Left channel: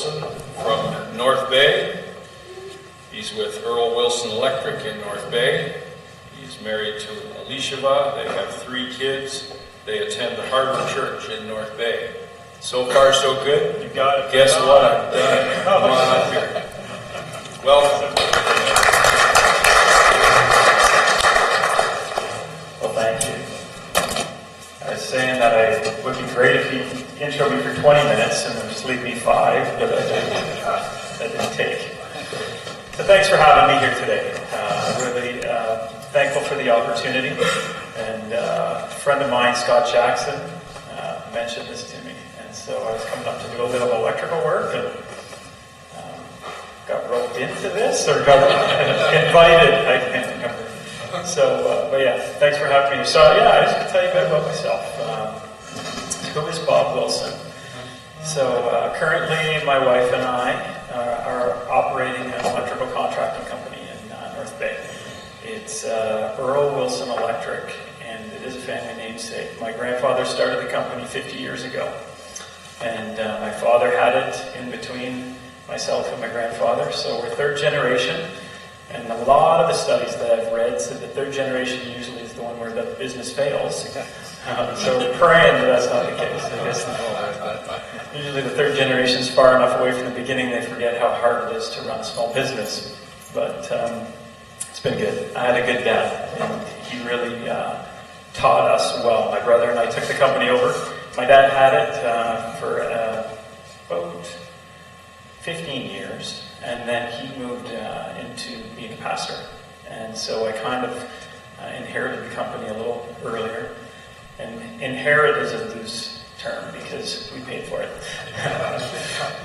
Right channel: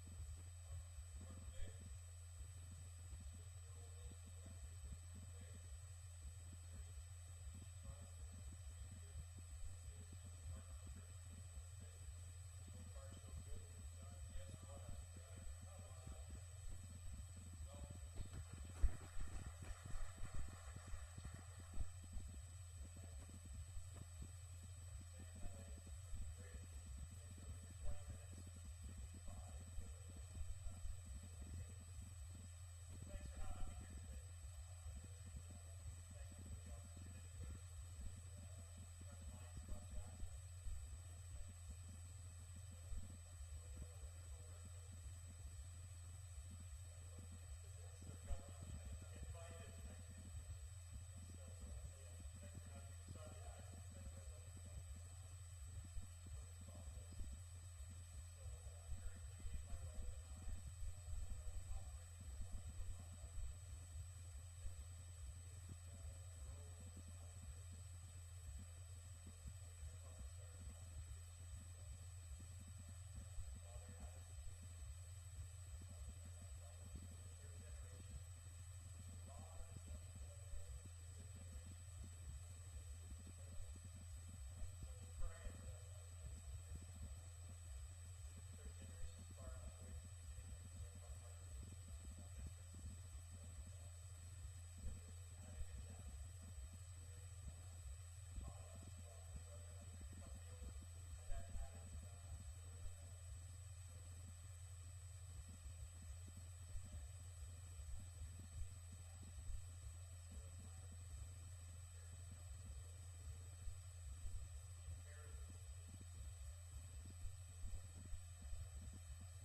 Wilson from North Bay. He's with Earl Wilson Electric in North Bay. He's married to Elisheva. They have 3 kids. They attend the Harbor Church in North Bay. So far, so good. You got it. Guess what? I've done it. Come on up here. Welcome. Well, thank you. I was saying that it would be great if you intro me for 20 minutes and then just leave me 5, but that didn't take. So thanks for having me here today. Really thankful for the opportunity. And a friend of mine, Scott Jackson, mentioned this to me. And so I was coming up to do a little electrical work and got roped into this or got invited. I can't remember. So, but yeah, thanks for having me. So yeah, I just going to tell you a bit about myself. Who is Bob Wilson? So currently my wife and I are operating an electrical contracting company in North Bay. It's Earl Wilson Electric, and it is a family namesake. My grandfather started the company 50 years ago, and my father had it in between myself and my grandfather, so we're 3rd generation. And a lot of the studies that I've read said that 3rd generation usually is the one where the business fails. So we're praying that that's not the case. I guess usually the 3rd generation is far enough away from the beginning they forget how hard it is to run a small business. But it's been good. I had a good dad, and he really taught us well. My brother and I took the company over. My dad had it for about 15 years. And then he moved into being a pastor. And so I kind of inherited the company a little earlier. And inherit is a loose term because we paid for it.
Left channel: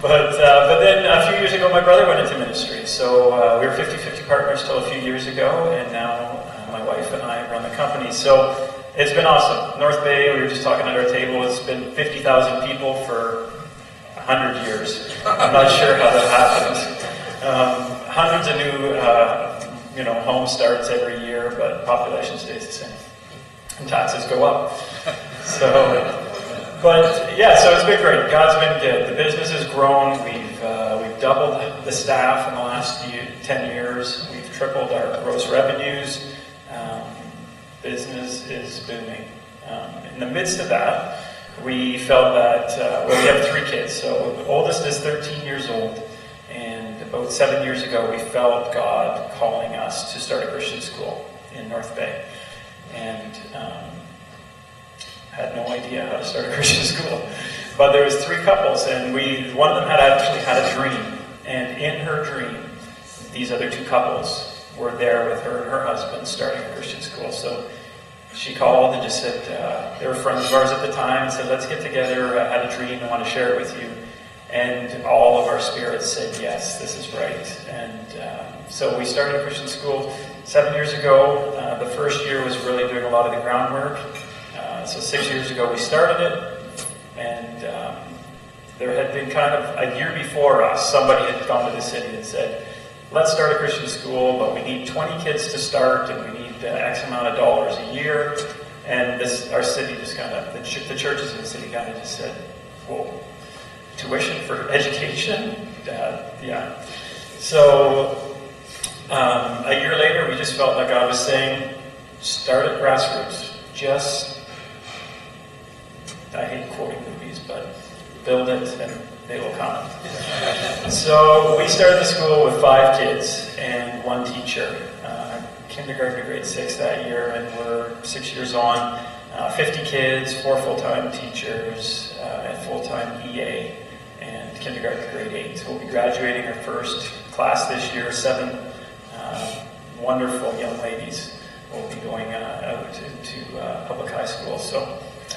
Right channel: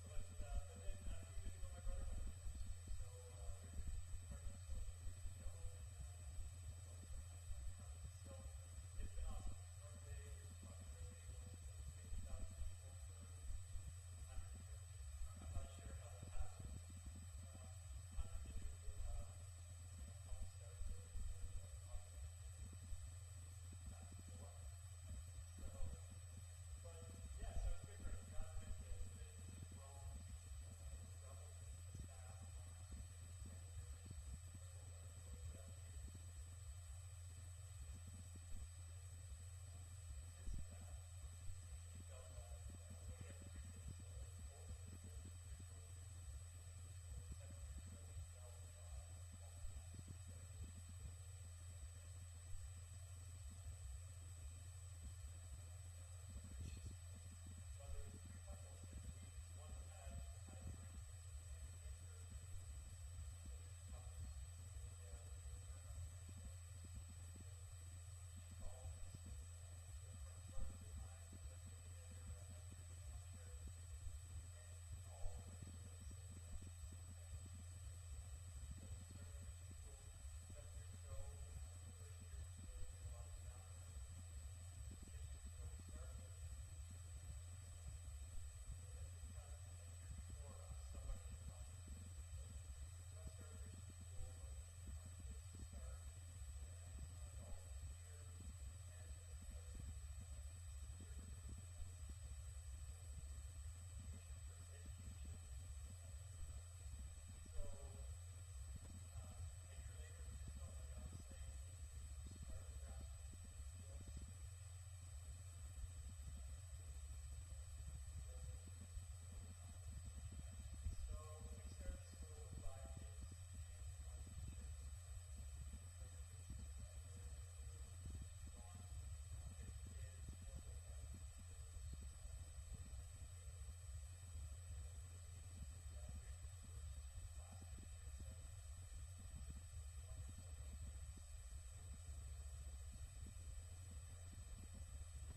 but then a few years ago, my brother went into ministry. So we were 50-50 partners till a few years ago. And now my wife and I run the company. So it's been awesome. North Bay, we were just talking at our table, it's been 50,000 people for 100 years. I'm not sure how that happens. Hundreds of new, home starts every year, but population stays the same, and taxes go up. So it's been great. God's been good. The business has grown. We've doubled the staff in the last 10 years. We've tripled our gross revenues. Business is booming. In the midst of that, we felt that we have 3 kids. So the oldest is 13 years old. And about 7 years ago, we felt God calling us to start a Christian school in North Bay. And had no idea how to start a Christian school. But there was 3 couples, and one of them had actually had a dream. And in her dream, these other 2 couples were there with her and her husband starting a Christian school. So she called and just said, they were friends of ours at the time, and said, let's get together. I had a dream, I want to share it with you. And all of our spirits said, yes, this is right. And so we started a Christian school 7 years ago. The first year was really doing a lot of the groundwork. So 6 years ago we started it. And there had been kind of a year before us, somebody had gone to the city and said, let's start a Christian school, but we need 20 kids to start, and we need X amount of dollars a year. And our city just kind of, the churches in the city kind of just said, whoa. Tuition for education? Yeah. So a year later, we just felt like God was saying, start at grassroots. I hate quoting movies, but build it and they will come. So we started the school with 5 kids and 1 teacher. Kindergarten to grade 6 that year, and we're 6 years on. 50 kids, 4 full-time teachers, and full-time EA. Kindergarten to grade 8. So we'll be graduating our first class this year. 7 wonderful young ladies will be going out to public high school. So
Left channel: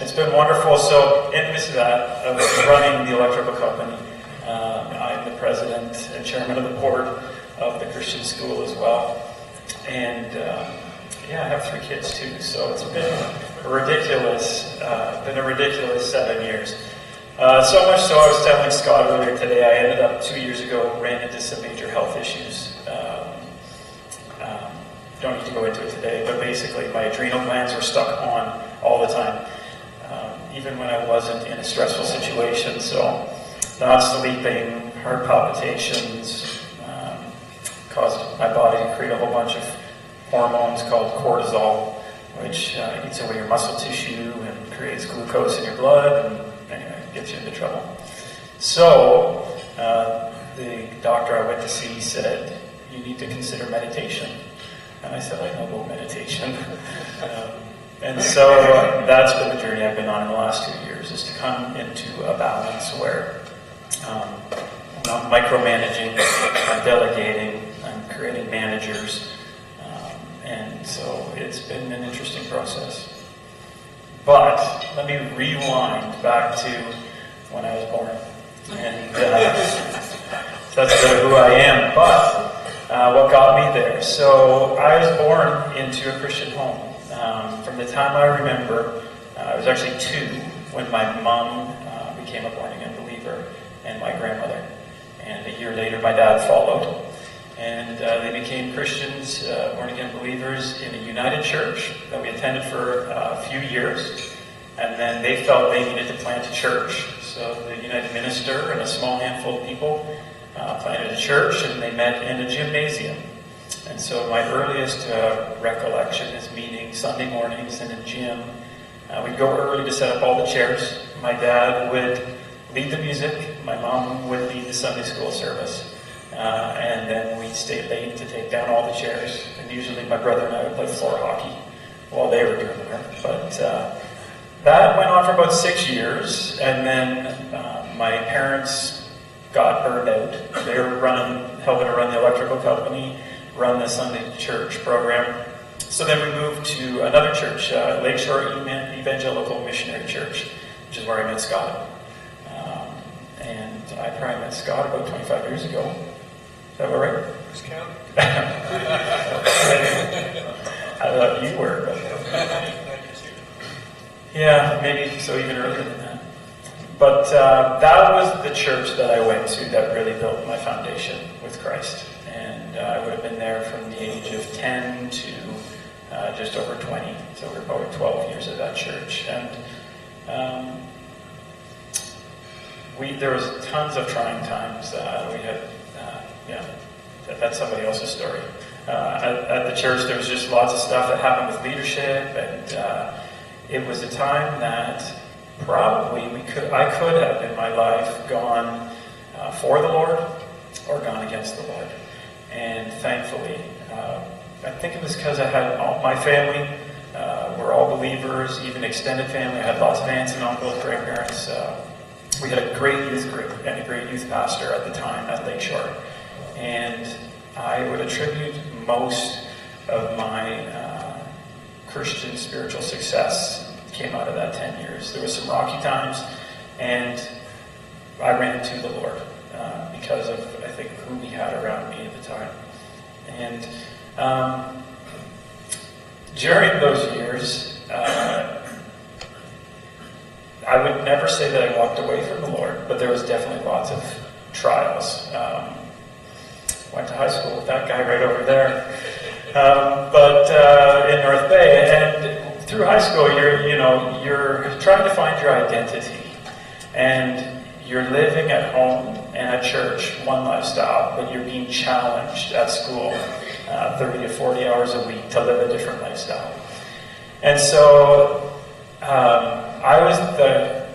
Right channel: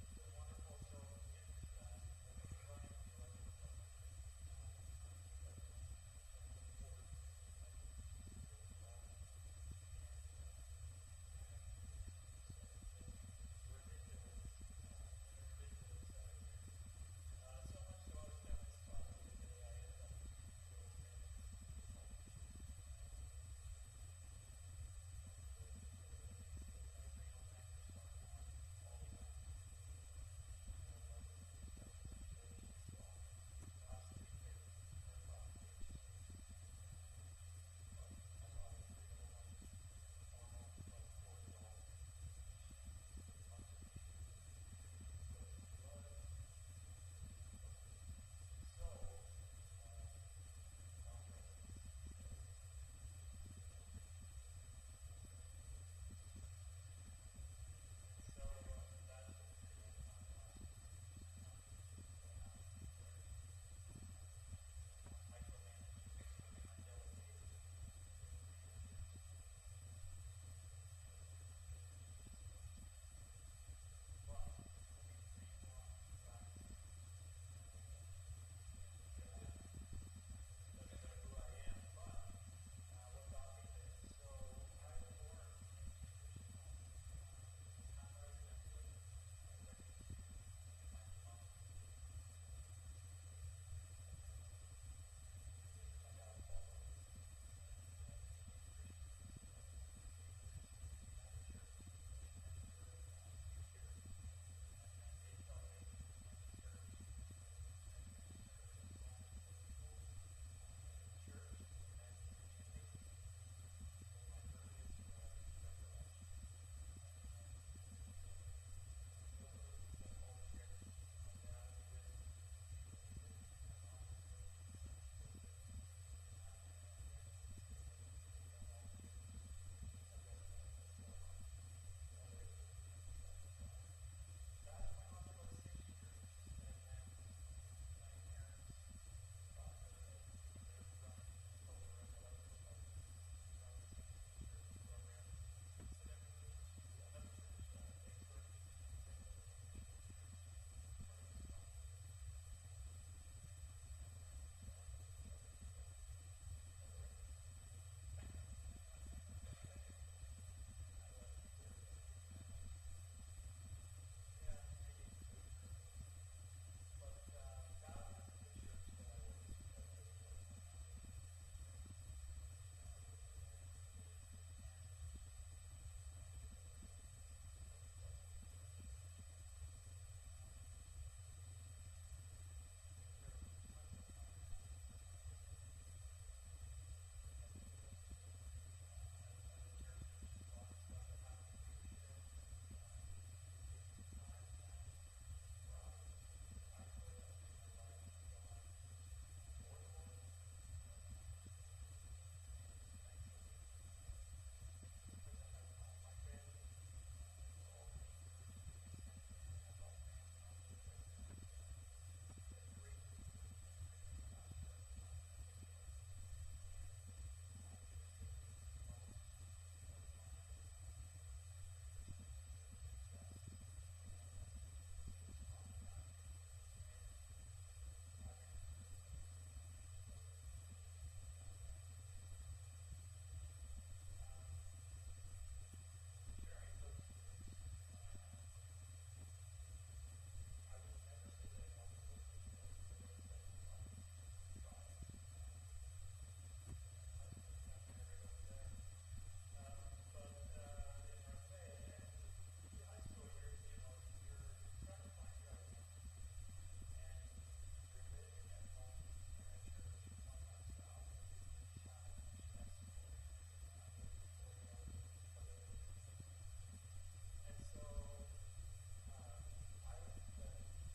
it's been wonderful. So in the midst of that, of running the electrical company, I'm the president and chairman of the board of the Christian school as well. And I have 3 kids too. So it's been a ridiculous 7 years. So much so, I was telling Scott earlier today, I ended up 2 years ago, ran into some major health issues. Don't need to go into it today, but basically my adrenal glands were stuck on all the time, even when I wasn't in a stressful situation. So not sleeping, heart palpitations, caused my body to create a whole bunch of hormones called cortisol, which eats away your muscle tissue and creates glucose in your blood, and anyway, gets you into trouble. So, the doctor I went to see said, you need to consider meditation. And I said, I know about meditation. And so that's been the journey I've been on in the last 2 years, is to come into a balance where I'm not micromanaging, I'm delegating, I'm creating managers. And so it's been an interesting process. But let me rewind back to when I was born. And that's a bit of who I am. But what got me there? So I was born into a Christian home. From the time I remember, I was actually 2 when my mom became a born-again believer, and my grandmother. And a year later, my dad followed. And they became Christians, born-again believers in a united church that we attended for a few years. And then they felt they needed to plant a church. So the United Minister and a small handful of people planted a church, and they met in a gymnasium. And so my earliest recollection is meeting Sunday mornings in a gym. We'd go early to set up all the chairs. My dad would lead the music. My mom would lead the Sunday school service. And then we'd stay late to take down all the chairs. And usually my brother and I would play floor hockey while they were doing the work. But that went on for about 6 years. And then my parents got burned out. They were helping to run the electrical company, run the Sunday church program. So then we moved to another church, Lakeshore Evangelical Missionary Church, which is where I met Scott. And I probably met Scott about 25 years ago. Is that all right? I thought you were. Yeah, maybe so even earlier than that. But that was the church that I went to that really built my foundation with Christ. And I would have been there from the age of 10 to just over 20. So we're probably 12 years at that church. And there was tons of trying times. We had, that's somebody else's story. At the church, there was just lots of stuff that happened with leadership, and it was a time that probably I could have in my life gone for the Lord or gone against the Lord. And thankfully, I think it was because I had all my family were all believers, even extended family. I had lots of aunts and uncles, grandparents. We had a great youth group and a great youth pastor at the time at Lakeshore. And I would attribute most of my Christian spiritual success came out of that 10 years. There was some rocky times, and I ran into the Lord because of, I think, who he had around me at the time. And during those years, I would never say that I walked away from the Lord, but there was definitely lots of trials. Went to high school with that guy right over there, but in North Bay. And through high school, you're trying to find your identity, and you're living at home and at church one lifestyle, but you're being challenged at school 30 to 40 hours a week to live a different lifestyle. And so I was the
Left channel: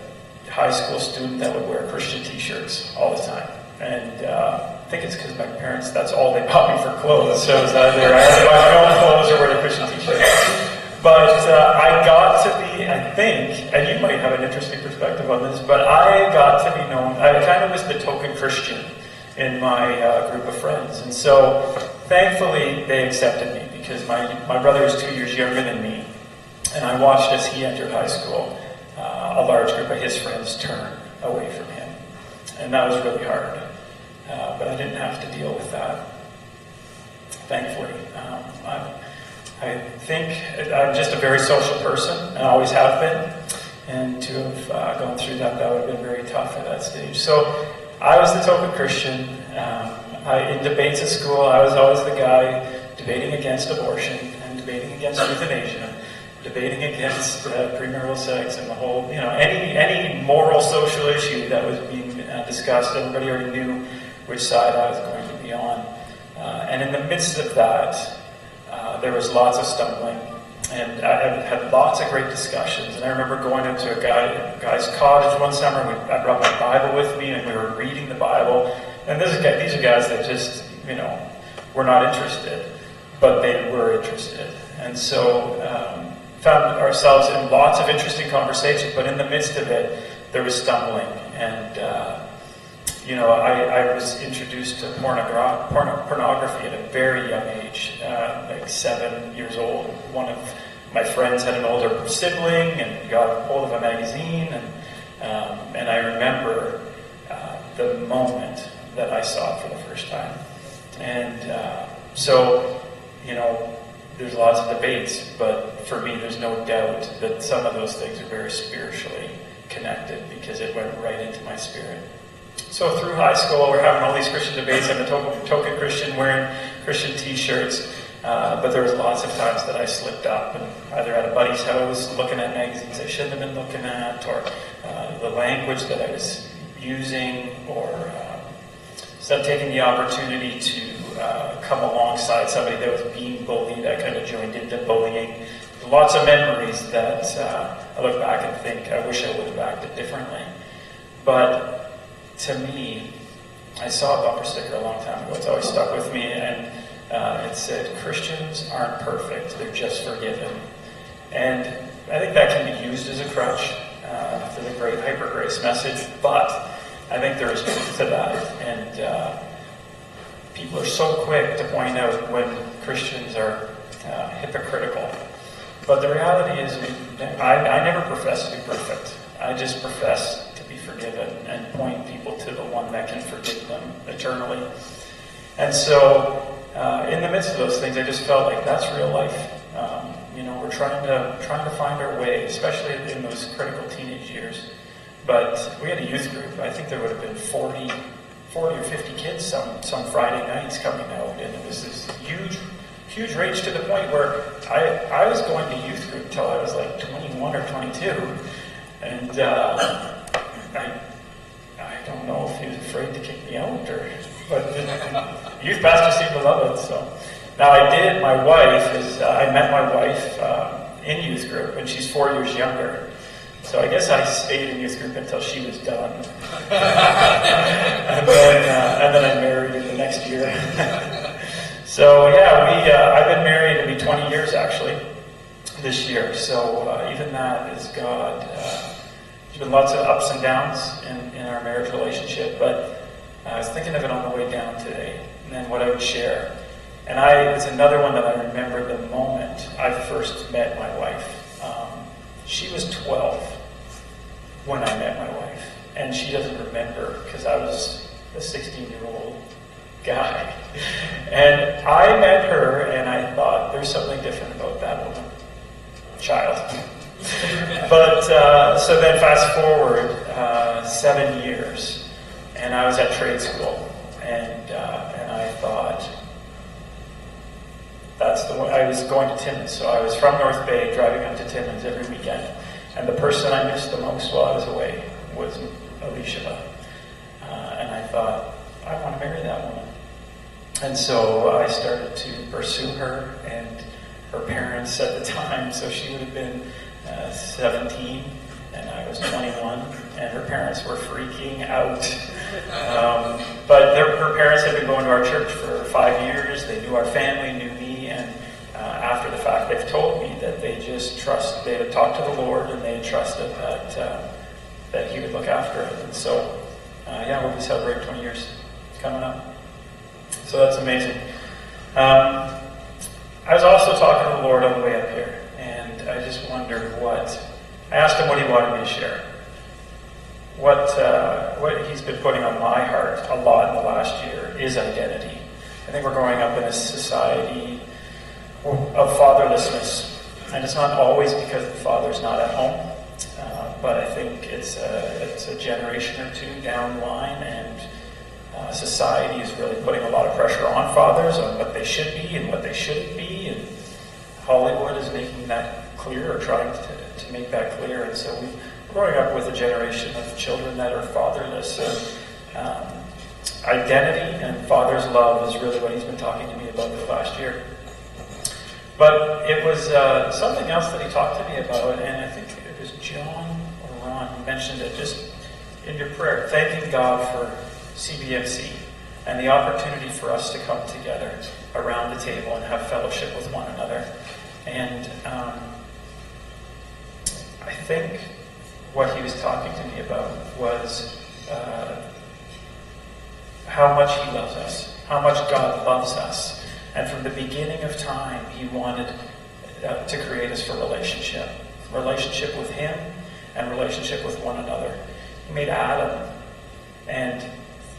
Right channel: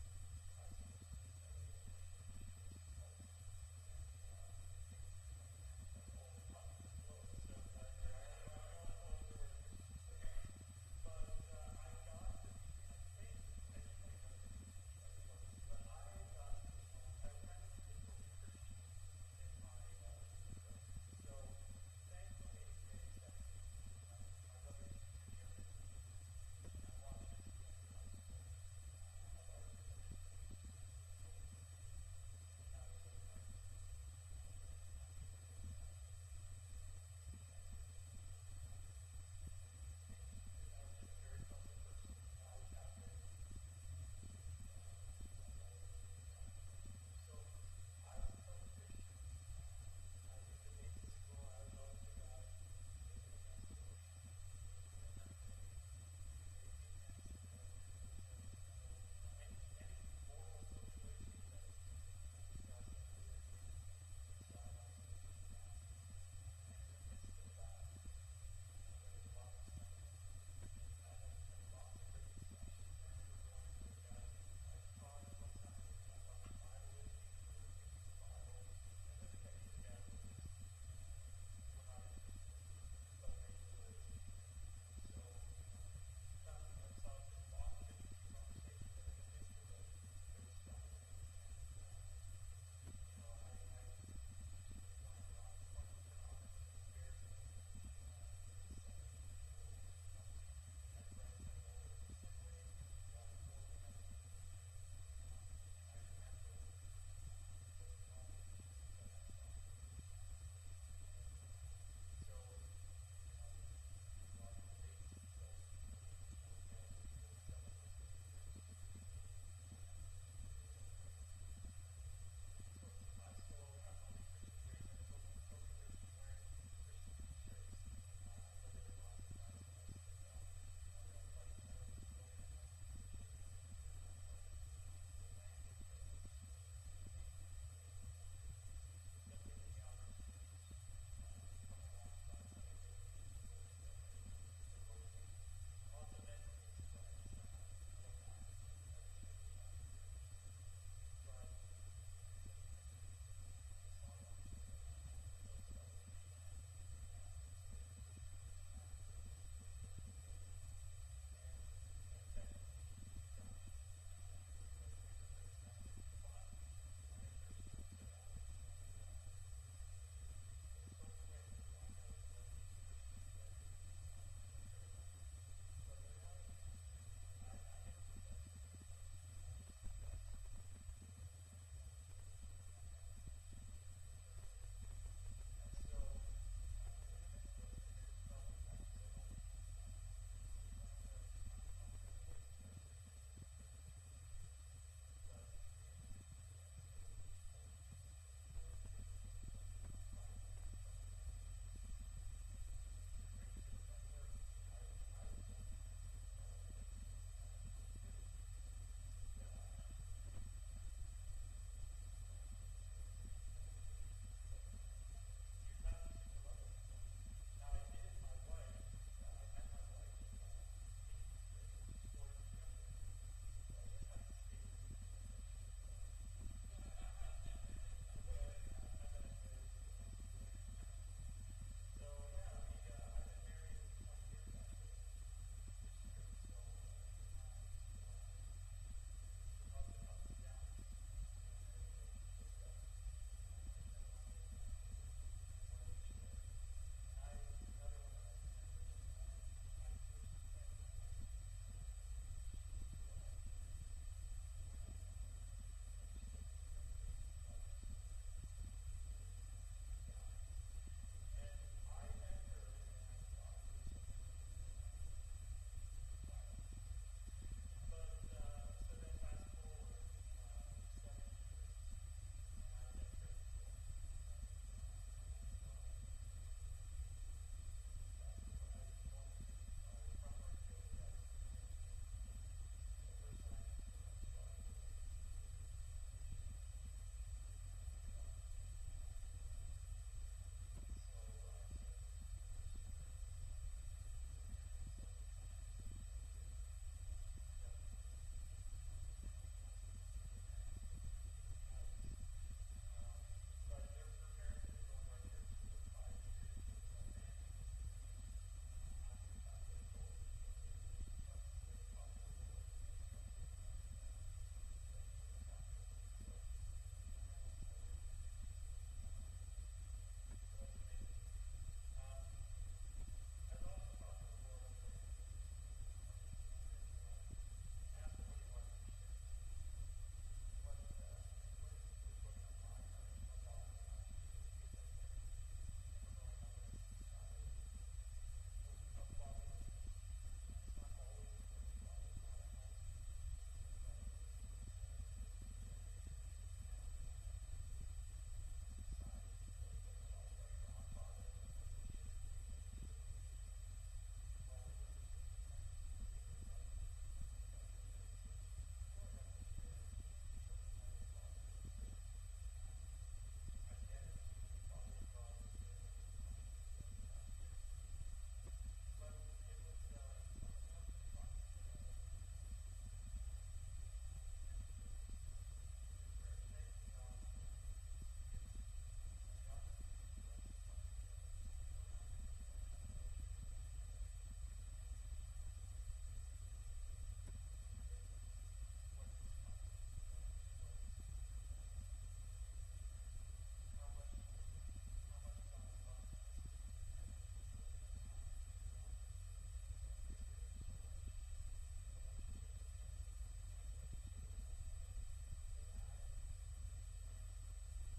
high school student that would wear Christian t-shirts all the time. And I think it's because my parents, that's all they bought me for clothes. So it was either I had to buy my own clothes or wear the Christian t-shirts. But I got to be, I think, and you might have an interesting perspective on this, but I got to be known, I kind of was the token Christian in my group of friends. And so thankfully they accepted me because my brother is 2 years younger than me. And I watched as he entered high school, a large group of his friends turn away from him. And that was really hard. But I didn't have to deal with that, thankfully. I think I'm just a very social person, and always have been. And to have gone through that would have been very tough at that stage. So I was the token Christian. In debates at school, I was always the guy debating against abortion and debating against euthanasia. debating against premarital sex and the whole, any moral social issue that was being discussed. Everybody already knew which side I was going to be on. And in the midst of that, there was lots of stumbling. And I had lots of great discussions. And I remember going into a guy's cottage one summer. I brought my Bible with me, and we were reading the Bible. And these are guys that just, were not interested, but they were interested. And so found ourselves in lots of interesting conversations, but in the midst of it, there was stumbling. And, I was introduced to pornography at a very young age, like 7 years old. One of my friends had an older sibling and got hold of a magazine, and I remember the moment that I saw it for the first time. And there's lots of debates, but for me, there's no doubt that some of those things are very spiritually connected because it went right into my spirit. So through high school, we're having all these Christian debates. I'm a token Christian wearing Christian t-shirts. But there was lots of times that I slipped up and either at a buddy's house looking at magazines I shouldn't have been looking at, or the language that I was using, or instead of taking the opportunity to come alongside somebody that was being bullied, I kind of joined into bullying. Lots of memories that I look back and think I wish I would have acted differently. But to me, I saw a bumper sticker a long time ago. It's always stuck with me, and it said, "Christians aren't perfect, they're just forgiven." And I think that can be used as a crutch for the great hyper grace message, but I think there is truth to that. And people are so quick to point out when Christians are hypocritical. But the reality is, I never profess to be perfect. I just profess to be forgiven and point people to the one that can forgive them eternally. And so, in the midst of those things, I just felt like that's real life. We're trying to find our way, especially in those critical teenage years. But we had a youth group. I think there would have been 40 or 50 kids some Friday nights coming out, and it was this huge rage to the point where I was going to youth group until I was like 21 or 22, and I don't know if he was afraid to kick me out, but the youth pastor seemed to love it. So now my wife I met my wife in youth group, and she's 4 years younger. So I guess I stayed in youth group until she was done. and then I married her the next year. So yeah, I've been married, it'll be 20 years actually this year. So even that is God. There's been lots of ups and downs in our marriage relationship, but I was thinking of it on the way down today, and then what I would share. And it's another one that I remember the moment I first met my wife. She was 12 when I met my wife, and she doesn't remember because I was a 16-year-old guy. And I met her, and I thought, there's something different about that woman. Child. But, so then fast forward 7 years, and I was at trade school, and I thought, that's the one. I was going to Timmins, so I was from North Bay, driving up to Timmins every weekend, and the person I missed the most while I was away was Alicia. And I thought, I want to marry that woman. And so I started to pursue her, and her parents at the time, so she would have been 17, and I was 21, and her parents were freaking out. But her parents had been going to our church for 5 years. They knew our family, knew me, and after the fact, they've told me that they had talked to the Lord, and they trusted that He would look after it. And so, we'll be celebrating 20 years coming up. So that's amazing. I was also talking to the Lord on the way up here, and I just wondered I asked Him what He wanted me to share. What He's been putting on my heart a lot in the last year is identity. I think we're growing up in a society of fatherlessness, and it's not always because the father's not at home, but I think it's a generation or two down the line, and society is really putting a lot of pressure on fathers on what they should be and what they shouldn't be, and Hollywood is making that clear or trying to make that clear. And so we're growing up with a generation of children that are fatherless. And, identity and father's love is really what he's been talking to me about the last year. But it was something else that he talked to me about, and I think it was John or Ron who mentioned it just in your prayer, thanking God for CBMC and the opportunity for us to come together around the table and have fellowship with one another. And I think what he was talking to me about was how much he loves us, how much God loves us. And from the beginning of time, he wanted to create us for relationship with him and relationship with one another. He made Adam and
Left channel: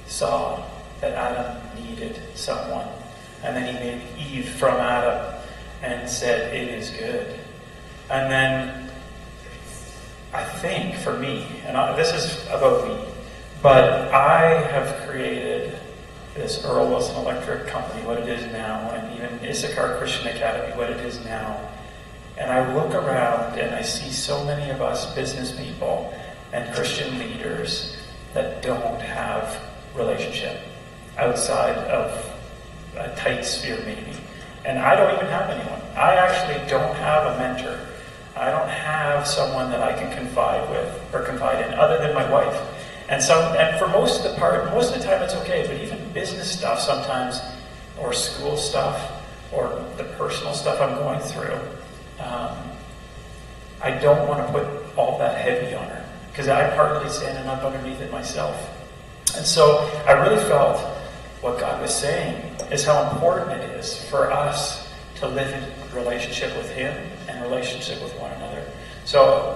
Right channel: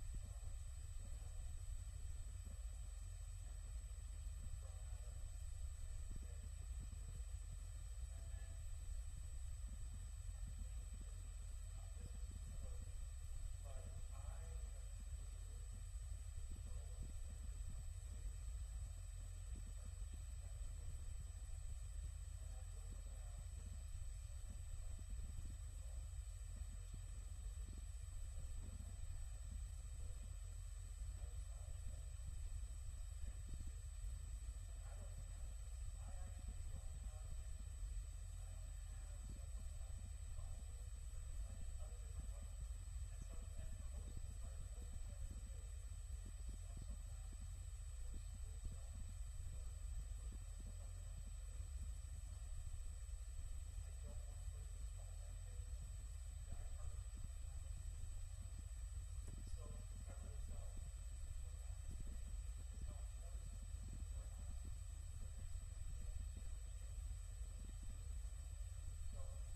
saw that Adam needed someone. And then he made Eve from Adam and said, it is good. And then I think for me, and this is about me, but I have created this Earl Wilson Electric company, what it is now, and even Issachar Christian Academy, what it is now. And I look around and I see so many of us business people and Christian leaders that don't have relationship outside of a tight sphere maybe. And I don't even have anyone. I actually don't have a mentor. I don't have someone that I can confide with or confide in other than my wife. And for most of the time it's okay, but even business stuff sometimes, or school stuff, or the personal stuff I'm going through, I don't want to put all that heavy on her, because I'm partly standing up underneath it myself. And so I really felt what God was saying is how important it is for us to live in relationship with him and relationship with one another. So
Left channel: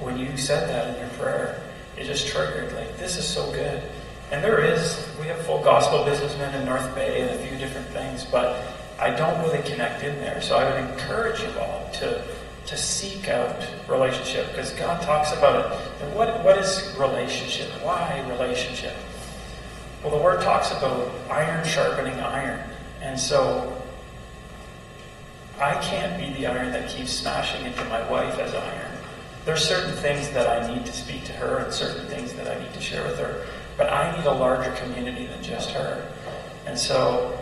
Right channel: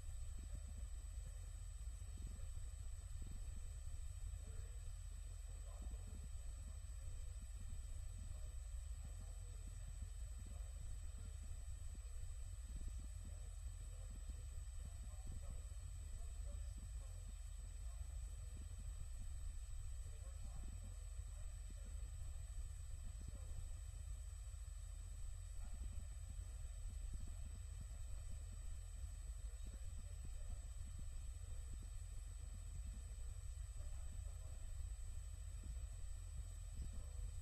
when you said that in your prayer, it just triggered, like, this is so good. And we have full gospel businessmen in North Bay and a few different things, but I don't really connect in there. So I would encourage you all to seek out relationship, because God talks about it. And what is relationship? Why relationship? Well, the word talks about iron sharpening iron. And so I can't be the iron that keeps smashing into my wife as iron. There's certain things that I need to speak to her and certain things that I need to share with her. But I need a larger community than just her. And so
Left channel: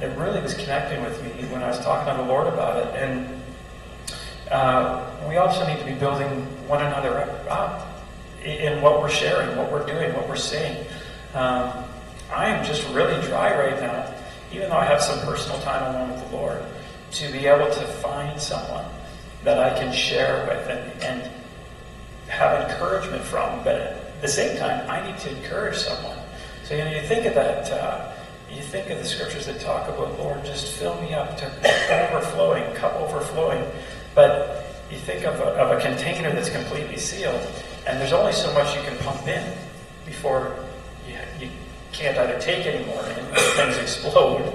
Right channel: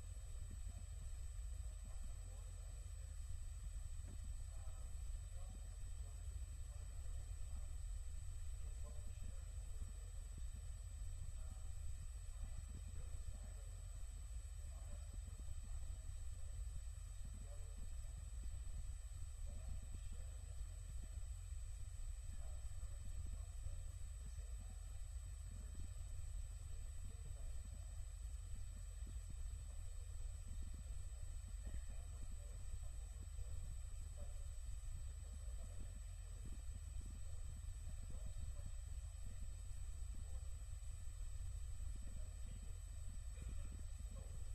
it really was connecting with me when I was talking to the Lord about it. And we also need to be building one another up in what we're sharing, what we're doing, what we're saying. I am just really dry right now, even though I have some personal time alone with the Lord, to be able to find someone that I can share with and have encouragement from. But at the same time, I need to encourage someone. So you think of that, you think of the scriptures that talk about, Lord, just fill me up to overflowing, cup overflowing. But you think of a container that's completely sealed, and there's only so much you can pump in before you can't either take anymore and things explode.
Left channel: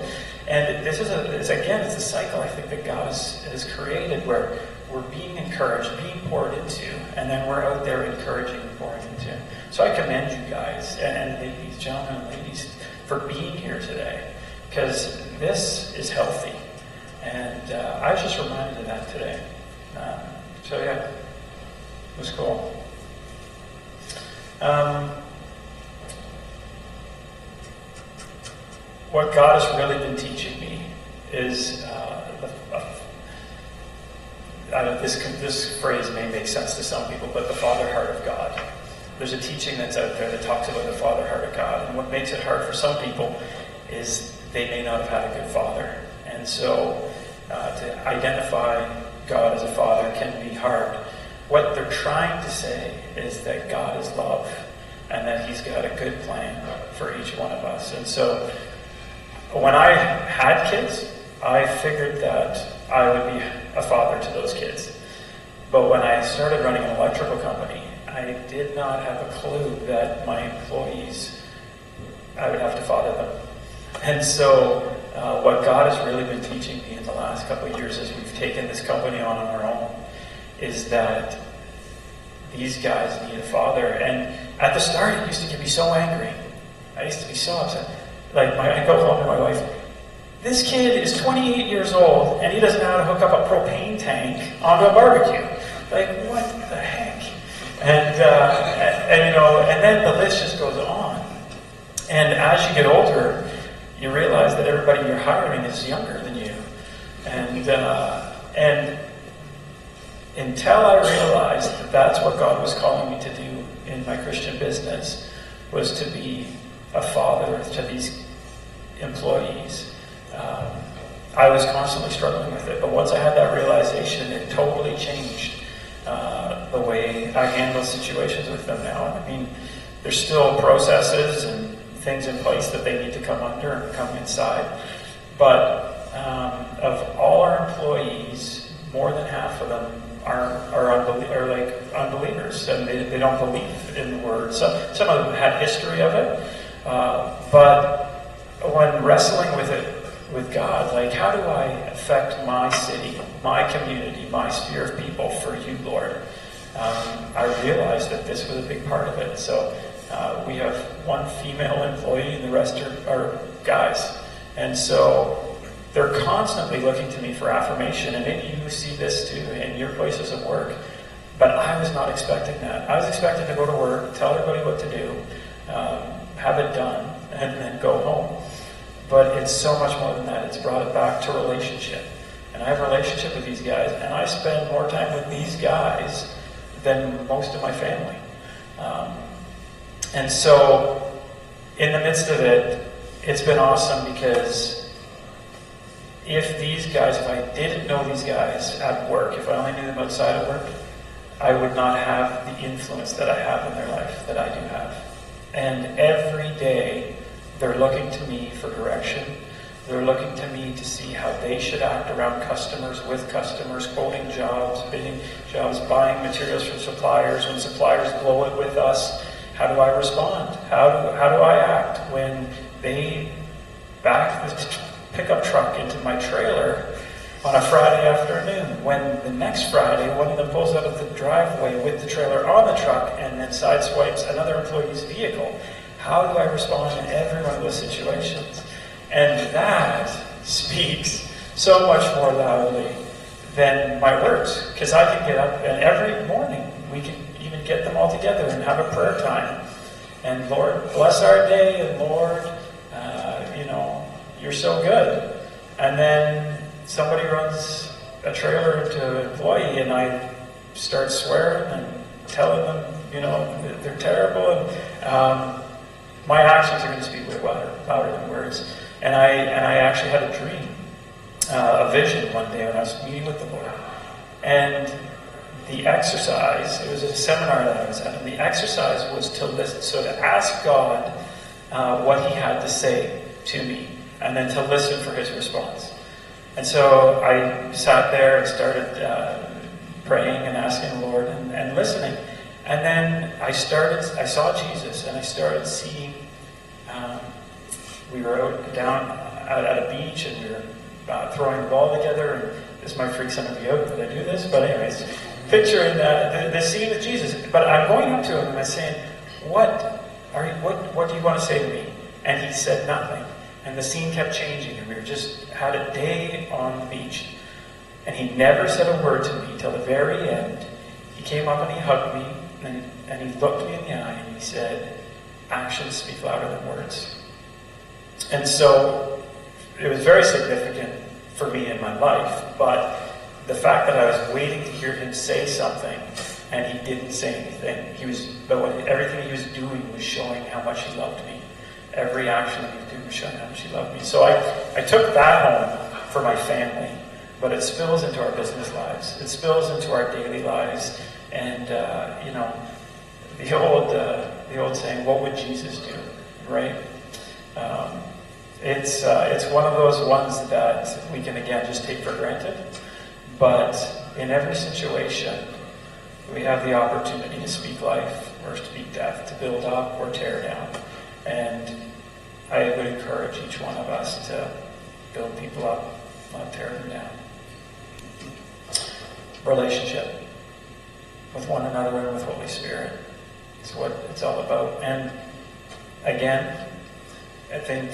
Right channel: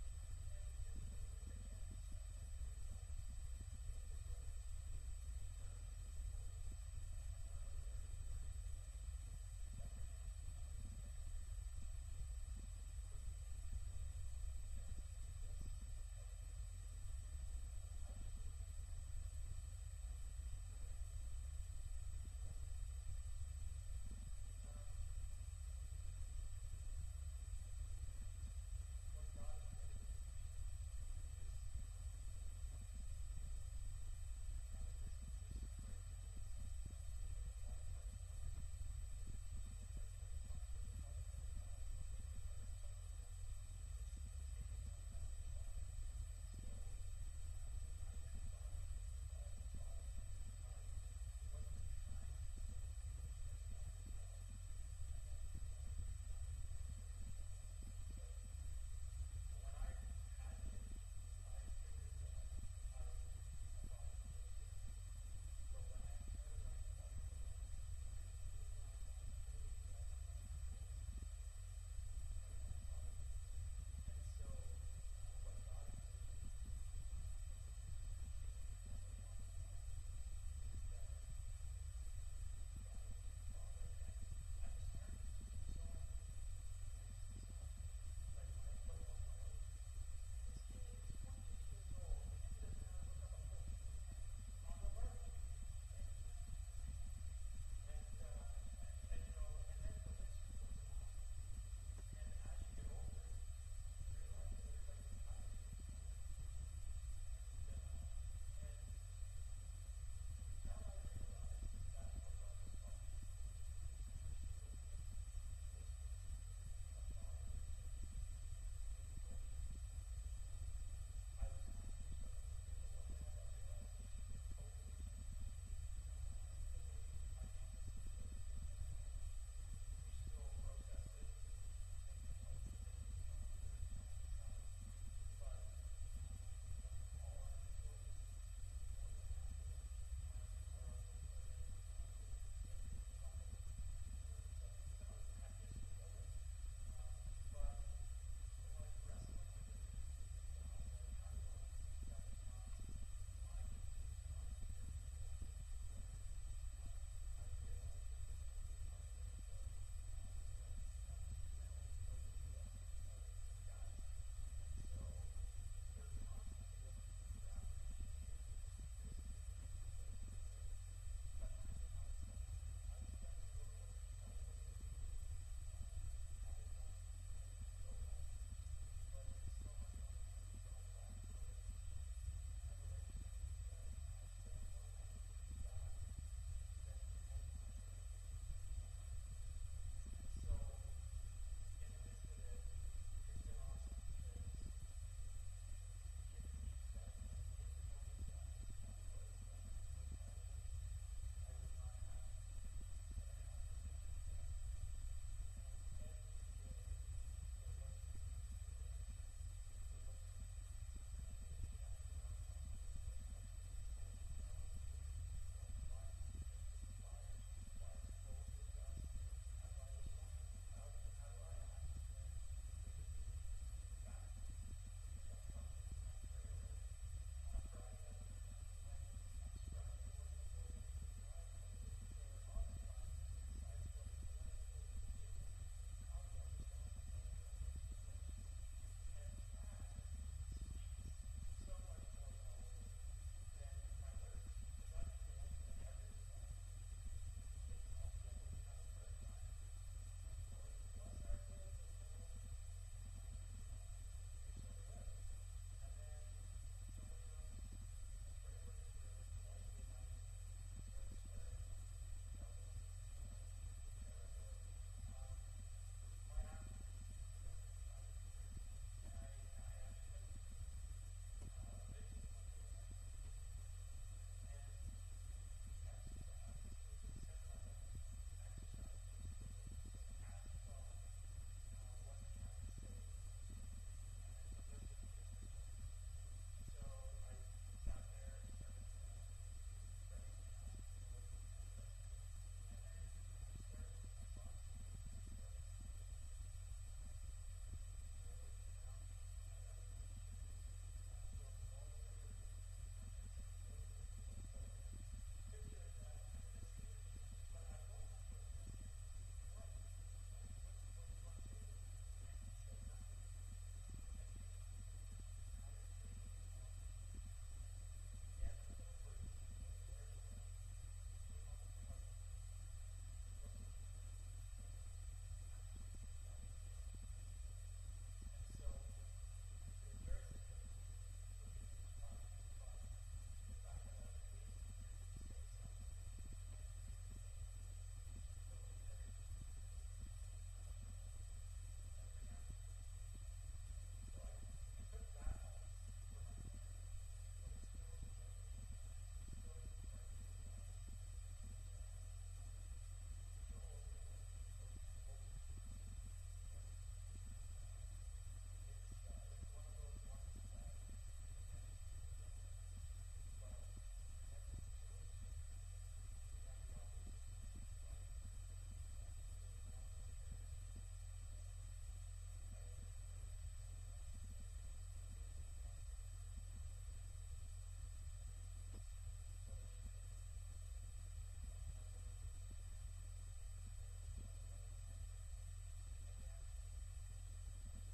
And this is it's a cycle I think that God has created, where we're being encouraged, being poured into, and then we're out there encouraging and pouring into. So I commend you guys, and ladies, gentlemen and ladies, for being here today, because this is healthy. And I was just reminded of that today. So yeah, it was cool. What God has really been teaching me is, this phrase may make sense to some people, but the Father heart of God. There's a teaching that's out there that talks about the Father heart of God. And what makes it hard for some people is they may not have had a good father. And so to identify God as a father can be hard. What they're trying to say is that God is love and that he's got a good plan for each one of us. And so when I had kids, I figured that I would be a father to those kids. But when I started running an electrical company, I did not have a clue that my employees, I would have to father them. And so what God has really been teaching me in the last couple of years as we've taken this company on our own is that these guys need a father. And at the start, it used to get me so angry. I used to be so upset. Like, I go home to my wife, This kid is 28 years old, and he doesn't know how to hook up a propane tank onto a barbecue. Like, what the heck? And then the list just goes on. And as you get older, you realize that everybody you're hiring is younger than you. And until I realized that that's what God was calling me to do in my Christian business, was to be a father to these employees, I was constantly struggling with it. But once I had that realization, it totally changed the way I handle situations with them now. I mean, there's still processes and things in place that they need to come under and come inside. But of all our employees, more than half of them are unbelievers, and they don't believe in the word. Some of them had history of it, but when wrestling with it with God, like, how do I affect my city, my community, my sphere of people for you, Lord? I realized that this was a big part of it. So we have one female employee, and the rest are guys, and so they're constantly looking to me for affirmation. And maybe you see this too in your places of work. But I was not expecting that. I was expecting to go to work, tell everybody what to do, have it done, and then go home. But it's so much more than that. It's brought it back to relationship. And I have a relationship with these guys, and I spend more time with these guys than most of my family. And so, in the midst of it, it's been awesome, because if I didn't know these guys at work, if I only knew them outside of work, I would not have the influence that I have in their life that I do have. And every day, they're looking to me for direction. They're looking to me to see how they should act around customers, with customers, quoting jobs, bidding jobs, buying materials from suppliers. When suppliers blow it with us, how do I respond? How do I act when they back the pickup truck into my trailer on a Friday afternoon, when the next Friday one of them pulls out of the driveway with the trailer on the truck and then sideswipes another employee's vehicle? How do I respond in every one of those situations? And that speaks so much more loudly than my words, because I can get up, and every morning we can even get them all together and have a prayer time. And Lord, bless our day, and Lord, you're so good. And then somebody runs a trailer into an employee, and I start swearing and telling them, that they're terrible. And my actions are going to speak way louder than words. And I actually had a dream, a vision one day when I was meeting with the Lord. And the exercise, it was a seminar that I was at, and the exercise was to listen. So to ask God what he had to say to me, and then to listen for his response. And so I sat there and started praying and asking the Lord and listening. And then I saw Jesus, and I started seeing, we were down at a beach, and we were throwing the ball together, and this might freak some of you out that I do this, but anyways, picturing the scene with Jesus. But I'm going up to him, and I'm saying, what do you want to say to me? And he said nothing. And the scene kept changing, and we just had a day on the beach. And he never said a word to me till the very end. He came up and he hugged me, and he looked me in the eye, and he said, actions speak louder than words. And so it was very significant for me in my life, but the fact that I was waiting to hear him say something, and he didn't say anything, everything he was doing was showing how much he loved me. Every action that he was doing was showing how much he loved me. So I took that home for my family, but it spills into our business lives. It spills into our daily lives. And, the old saying, what would Jesus do, right? It's one of those ones that we can, again, just take for granted. But in every situation, we have the opportunity to speak life or speak death, to build up or tear down. And I would encourage each one of us to build people up, not tear them down. Relationship with one another and with Holy Spirit is what it's all about. And again, I think,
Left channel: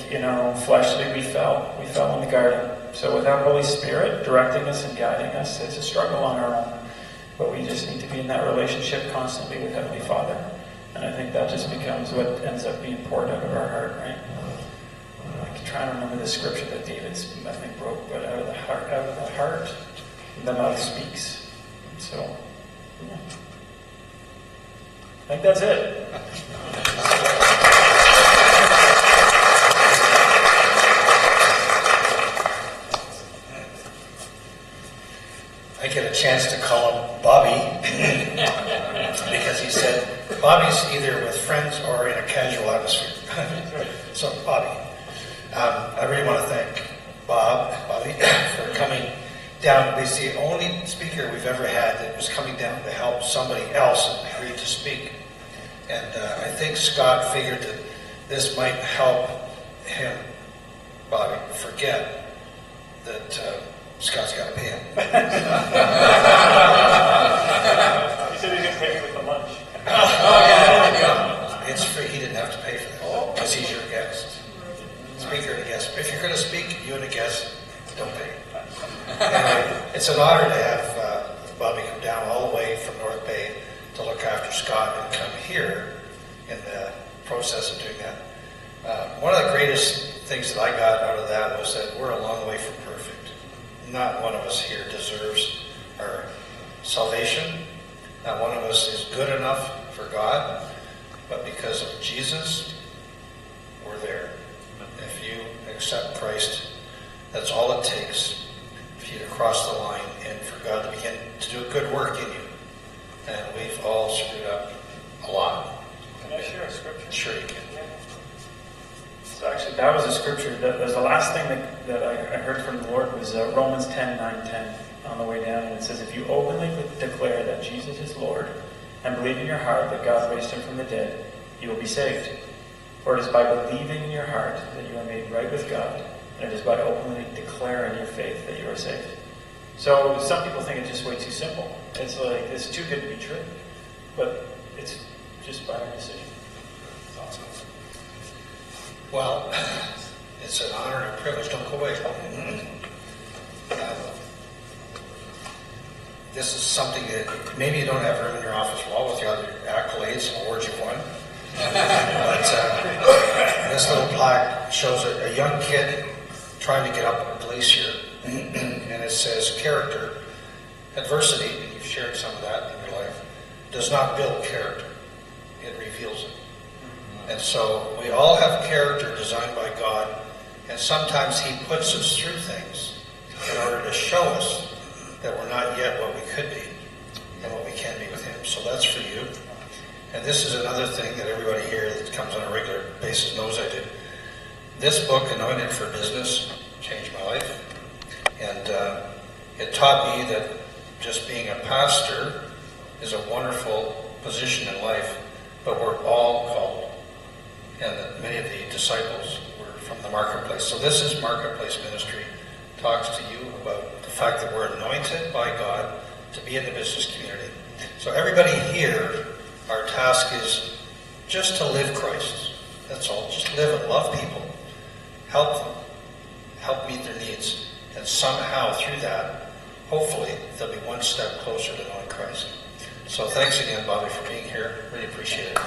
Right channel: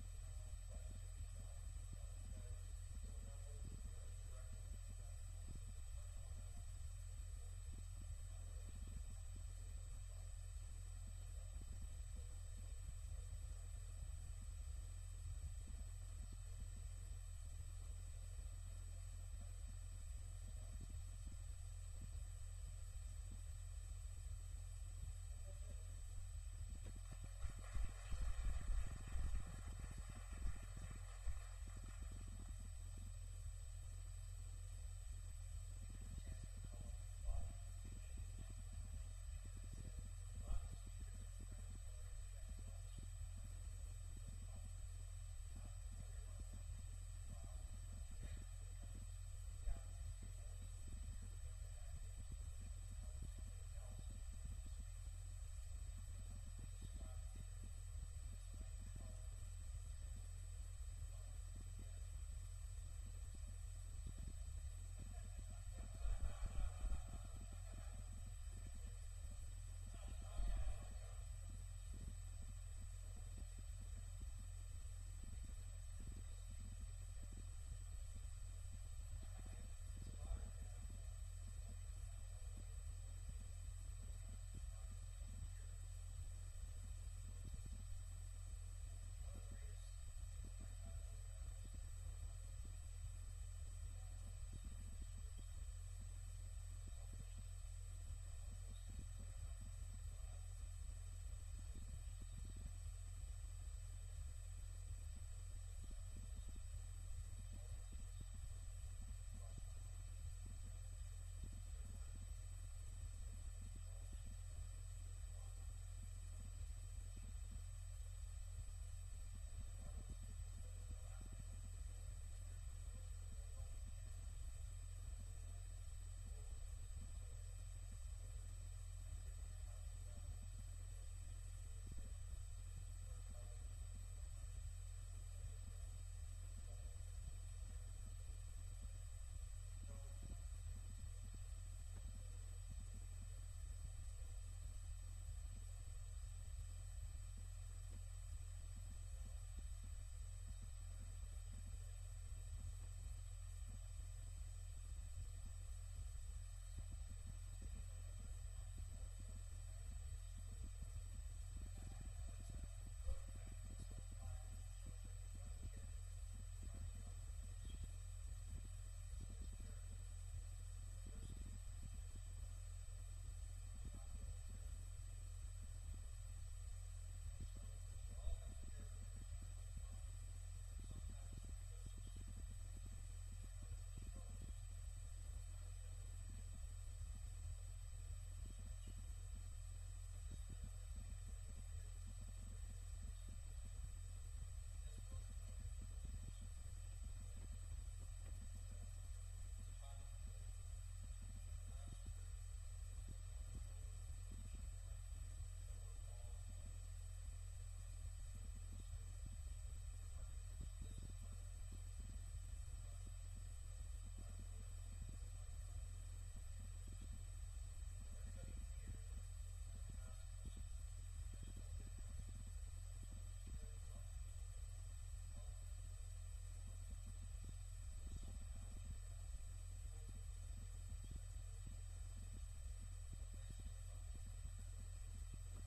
fleshly we fell. We fell in the garden. So without Holy Spirit directing us and guiding us, it's a struggle on our own. But we just need to be in that relationship constantly with Heavenly Father. And I think that just becomes what ends up being poured out of our heart, right? I'm trying to remember the scripture that David's, I think, broke, but out of the heart, the mouth speaks. So, yeah. I think that's it. I get a chance to call him Bobby because he said Bobby's either with friends or in a casual atmosphere. So, Bobby, I really want to thank Bobby, for coming down. He's the only speaker we've ever had that was coming down to help somebody else and agreed to speak. And I think Scott figured that this might help him, Bobby, forget that Scott's got to pay him. He said he didn't pay me with the lunch. It's free. He didn't have to pay for that because he's your guest. Speaker and a guest. If you're going to speak, you and a guest don't pay. Anyway, it's an honor to have Bobby come down all the way from North Bay to look after Scott and come here in the process of doing that. One of the greatest things that I got out of that was that we're a long way from perfect. Not one of us here deserves our salvation. Not one of us is good enough for God. But because of Jesus, we're there. If you accept Christ, that's all it takes for you to cross the line and for God to begin to do a good work in you. And we've all screwed up a lot. Can I share a scripture? Sure you can. So actually, that was a scripture. That was the last thing that I heard from the Lord was Romans 10:9-10 on the way down. And it says, if you openly declare that Jesus is Lord and believe in your heart that God raised him from the dead, you will be saved. For it is by believing in your heart that you are made right with God, and it is by openly declaring your faith that you are saved. So some people think it's just way too simple. It's like, it's too good to be true. But it's just by our decision. Well, it's an honor and a privilege. Don't go away. This is something that maybe you don't have room in your office wall with the other accolades and awards you've won. But this little plaque shows a young kid trying to get up a glacier. And it says, character, adversity, and you've shared some of that in your life, does not build character. It reveals it. And so we all have character designed by God, and sometimes he puts us through things in order to show us that we're not yet what we could be and what we can be with him. So that's for you. And this is another thing that everybody here that comes on a regular basis knows I did. This book, Anointed for Business, changed my life. And it taught me that just being a pastor is a wonderful position in life, but we're all called. And that many of the disciples were from the marketplace. So this is Marketplace Ministry. Talks to you about the fact that we're anointed by God to be in the business community. So everybody here, our task is just to live Christ. That's all. Just live and love people. Help them. Help meet their needs. And somehow through that, hopefully, they'll be one step closer to knowing Christ. So thanks again, Bobby, for being here. Really appreciate it.